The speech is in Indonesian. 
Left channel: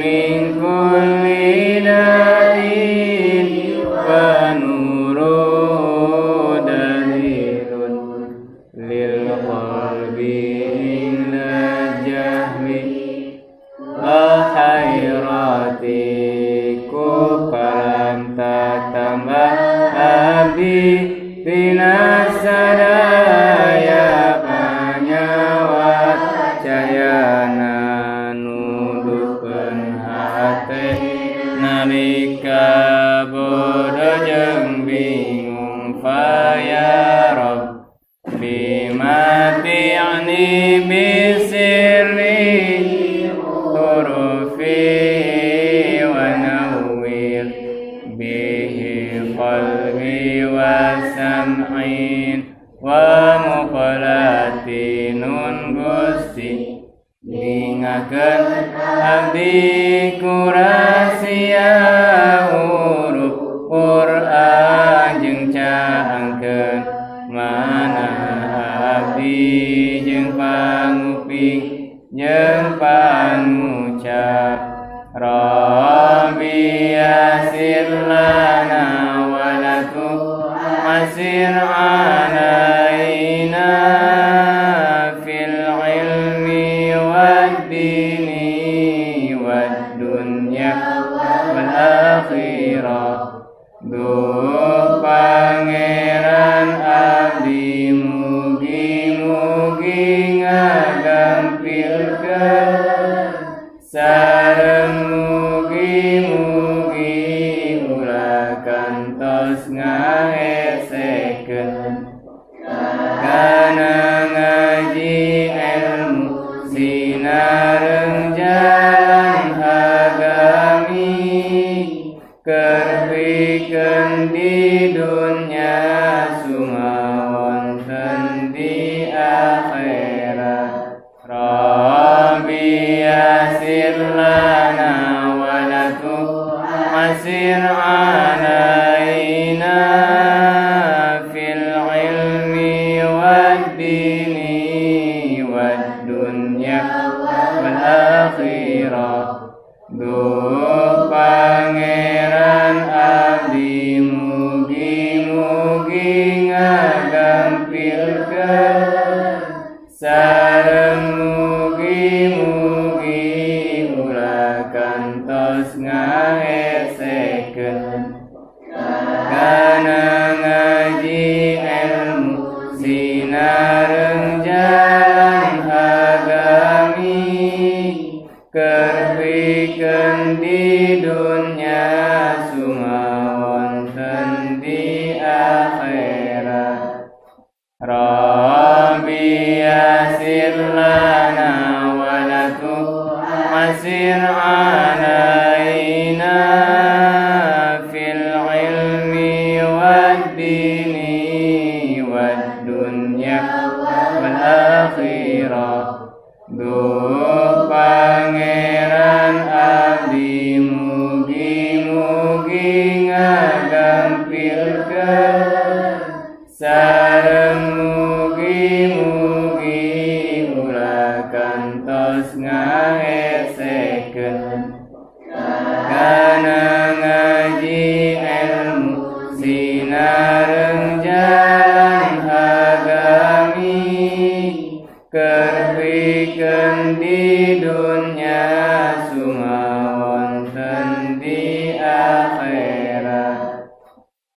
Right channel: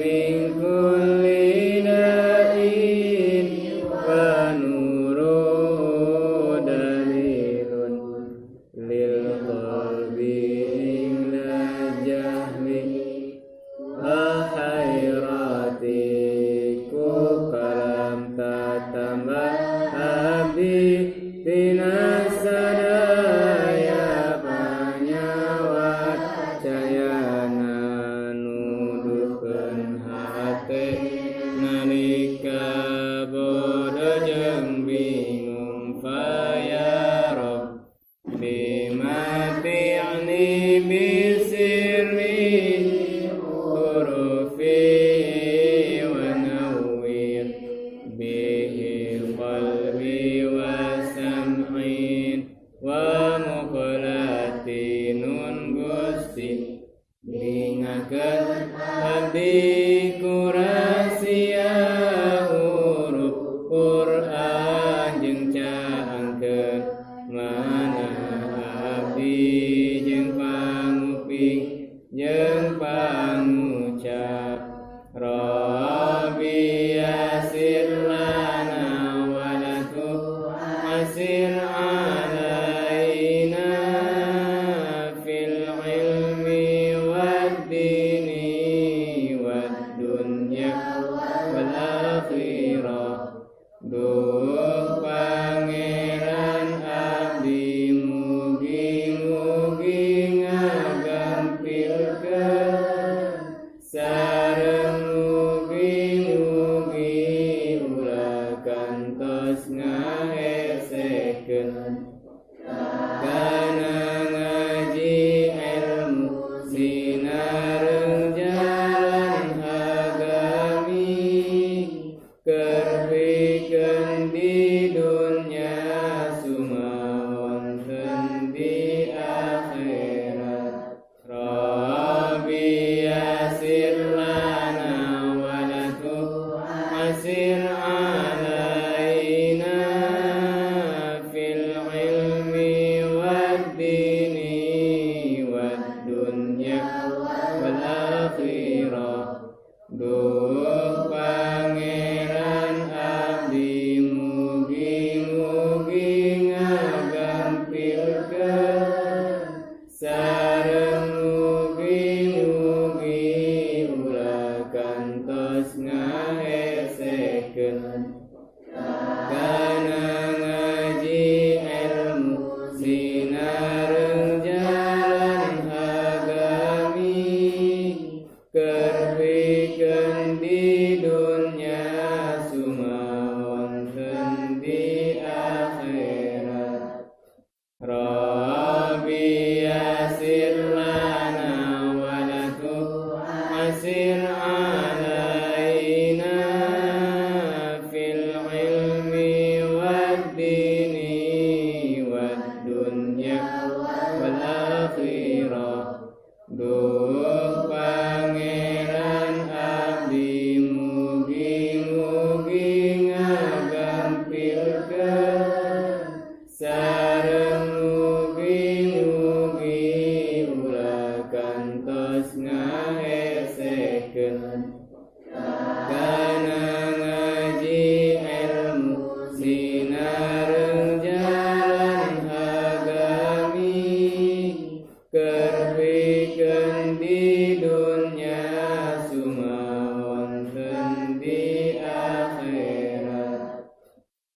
من كل داء ونور دليل للقلب عند الجهل وحيرتك فلم تتمه abdi tina sadaya panyawat cayana nuduhkeun hate nalika bodoh jeung bingung fayarab bimati'ni bisirri turufi wa nawwir bihi qalbi wa sam'in wa muqalati nun gusti ningakeun abdi kurasia huruf Qur'an jeung caangkeun mana abdi jeung panguping jeung pangucap Rabbi yasir lana asir alaina fil ilmi wad dini wad dunya wal akhirah duh pangeran abdi mugi-mugi ngagampilkeun sareng mugi-mugi ulah kantos kana ngaji ilmu sinareng jalan agami kerpikeun di dunya sumawonten di akhirat Rabbi yasir lana wa lakum asir alaina duh pangeran abdi mugi-mugi ngagampilkeun sareng mugi-mugi ulah kantos ngaesekeun kana ngaji ilmu sinareng jalan agami kerpikeun di dunya sumawonten di akhirat Rabbi yasir lana wa lakum asir alaina fil ilmi wad dini wad dunya wal akhirah duh